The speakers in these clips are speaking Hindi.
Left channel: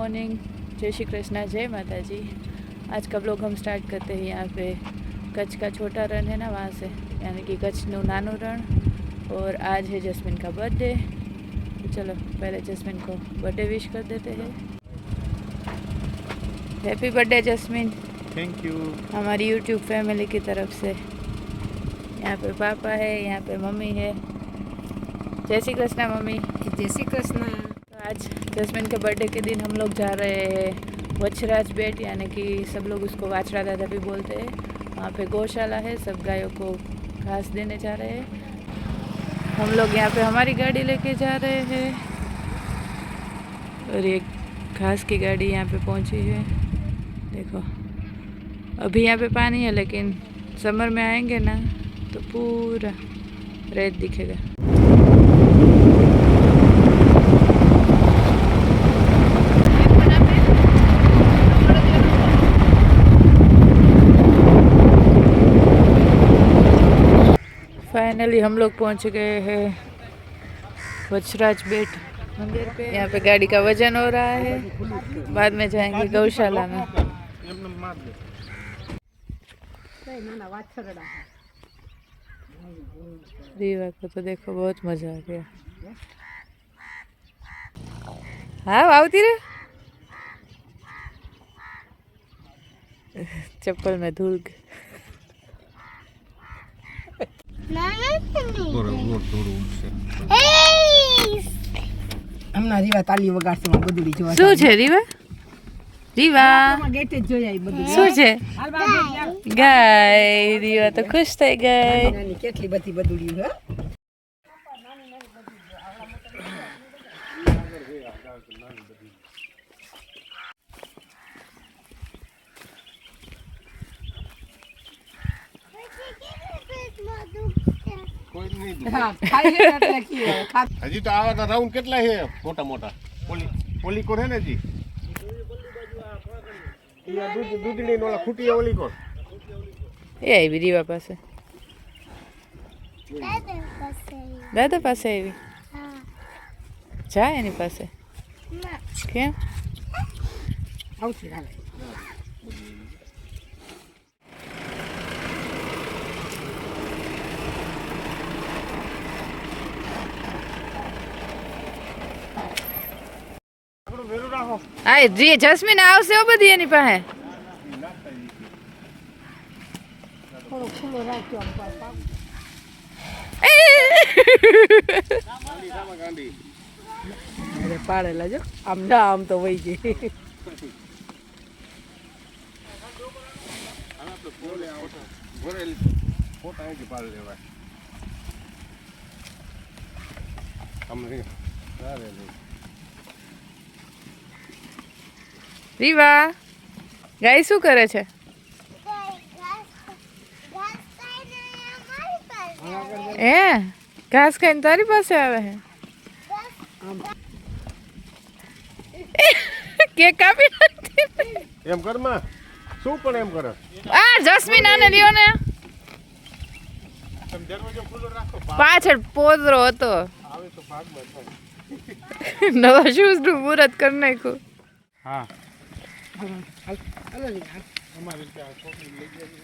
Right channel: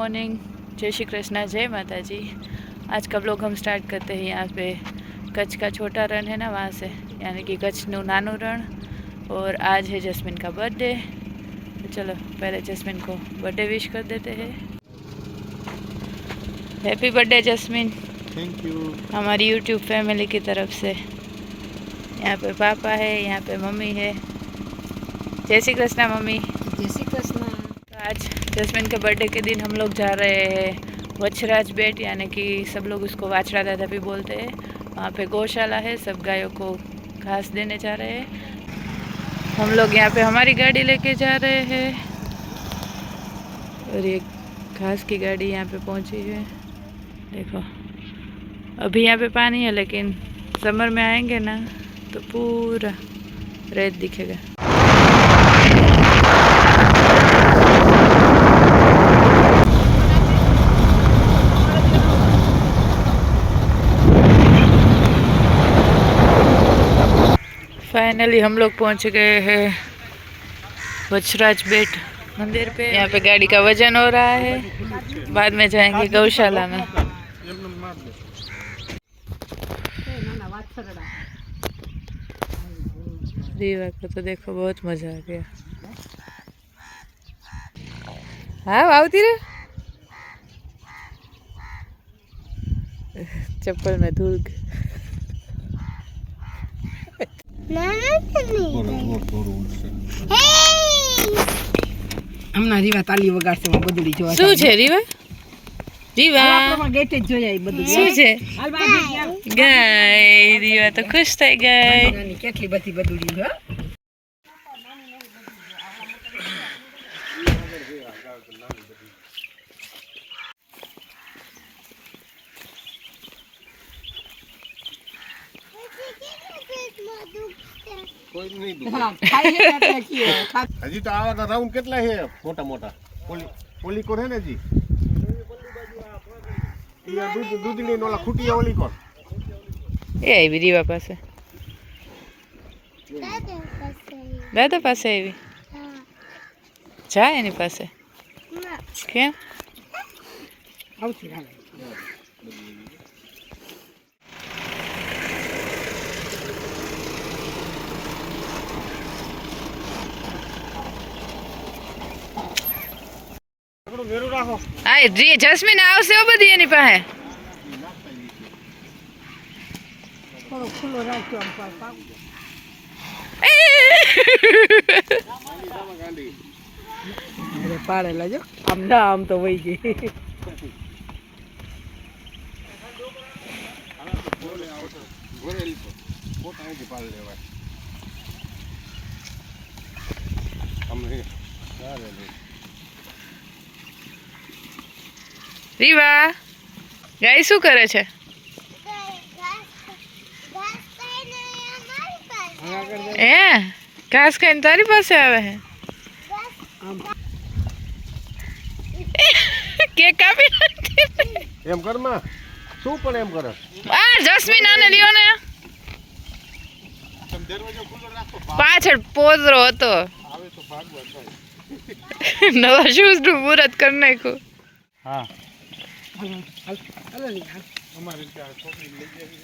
मॉर्निंग जय श्री कृष्णा जय माता जी आज का ब्लॉग हम स्टार्ट करते हैं यहाँ पे? कच्छ का छोटा रण है ना वहाँ से? यानी कि कच्छ नू नानू रण। और आज है जस्मिन का बर्थडे तो चलो पहले जस्मिन को बर्थडे विश कर देते हैं। Happy birthday Jasmine. Thank you हमारी यूट्यूब फैमिली की तरफ़ से। यहाँ पे पापा है यहाँ पे मम्मी है। जय श्री कृष्णा मम्मी। जय श्री कृष्णा। आज जस्मिन के बर्थडे के दिन हम लोग जा रहे हैं वच्छराज बेट, यानी कि सब लोग उसको वाछड़ा दादा भी बोलते हैं। वहाँ पे गौशाला है, सब गायों को घास देने जा रहे हैं। हम लोग यहाँ पे हमारी गाड़ी लेके जा रहे हैं और ये घास की गाड़ी यहाँ पे पहुँची है। देखो, अभी यहाँ पे पानी है, लेकिन समर में आएँगे ना तो पूरा रेत दिखेगा। फाइनली हम लोग पहुँच गए हैं वजराज बेट मंदिर पे। यहाँ पे गाड़ी का वज़न हो रहा है। बाद में जाएँगे गौशाला में। दीवा को तो देखो बहुत मज़ा आ गया। हाँ आवती रे चप्पल में धूल। હમણાં રીવા તાલી વગાડશે હું બધુડી જોવા શું છે રીવા? રીવા? ગેટે જ જોઈ આવી બધું. શું છે. ગાય રીવા તો ખુશ થઈ ગઈ. કેટલી બધી બધુડી હો? કોઈ નહીં હજી તો આવા રાઉન્ડ કેટલા છે? મોટા મોટા. પોલી પોલી કોર હે ને જી દૂધ દૂધની ઓલા ખૂટી ઓલી કોર એ આવી રીવા પાસે. દાદા પાસે આવી? જા એની પાસે. કેમ? આવશે હાલ મેરું રાખો હા જી જસ્મીન આવશે હો બધી એની પાસે થોડો ખુલ્લો રાખજો આમ પાછા. ગાંડી અરે પાડે લાજો આમ ના આમ તો વહી ગઈ ભરેલી ફોટા અહીંથી પાડ લેવાય રીવા ગાય શું કરે છે? એ ઘાસ ખાઈને તારી પાસે આવે હે? કેક કાપી નાખી એમ કરમાં. શું પણ એમ કરે? આ જસ્મીન આને લ્યો ને. પાછળ પોદરો હતો. નવા શૂઝનું મુહૂર્ત કરી નાખ્યું. હા. હાલો લી, હાલ. અમારે ત્યાં છોકરી લઈ જાય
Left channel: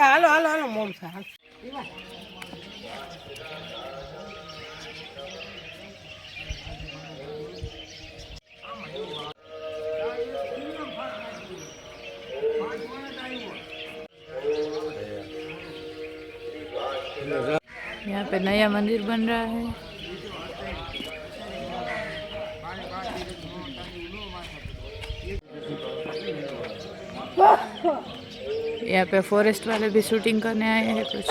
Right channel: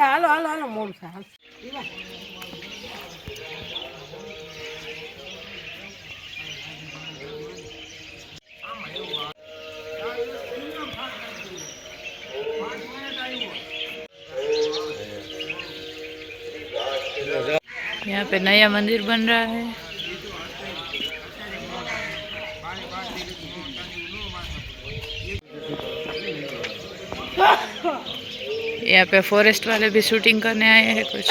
હાલો હાલો હાલો મોમ સા यहाँ पे नया मंदिर बन रहा है। यहाँ पे फॉरेस्ट वाले भी शूटिंग करने आए हैं कुछ।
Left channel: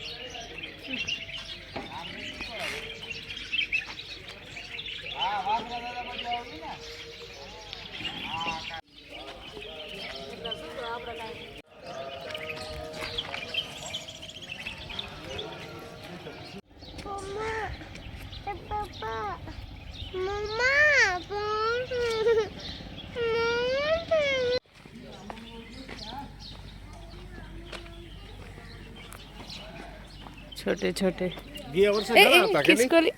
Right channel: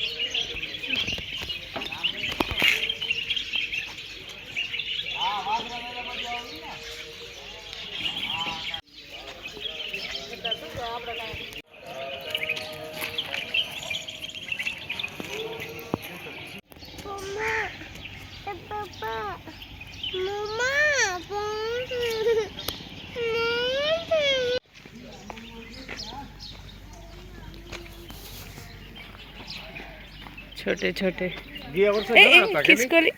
छोटे छोटे જે વર્ષે ए, ઘણા ए, હતા કે નહીં? किसको ले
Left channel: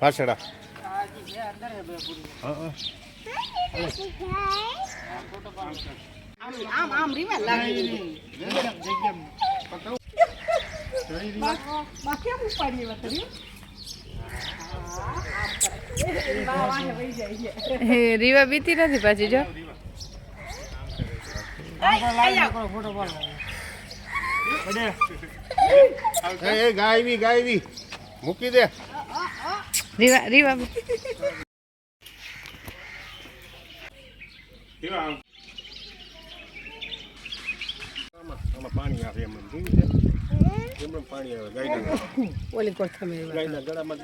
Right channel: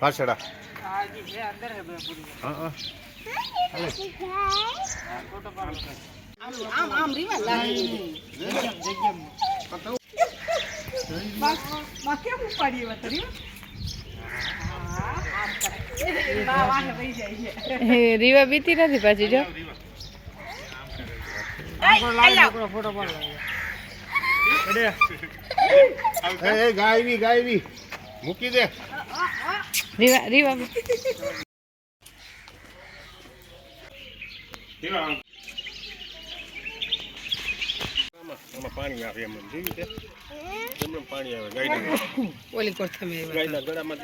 ભાષડા આ જે છે અંદર હે બે પૂરી હા હા આમ આમ રીવા લાગી બા કેમ ઉપાડી એવા તરી બા વાહે વહી જાય છે રીવા બીતી નથી પાછી જો એ અડે ગાયવી ગાયવી. મૂકી દે. રીવા રીવા. પાણી આવે એમ પાણી આવે ગાયના. ગળામાં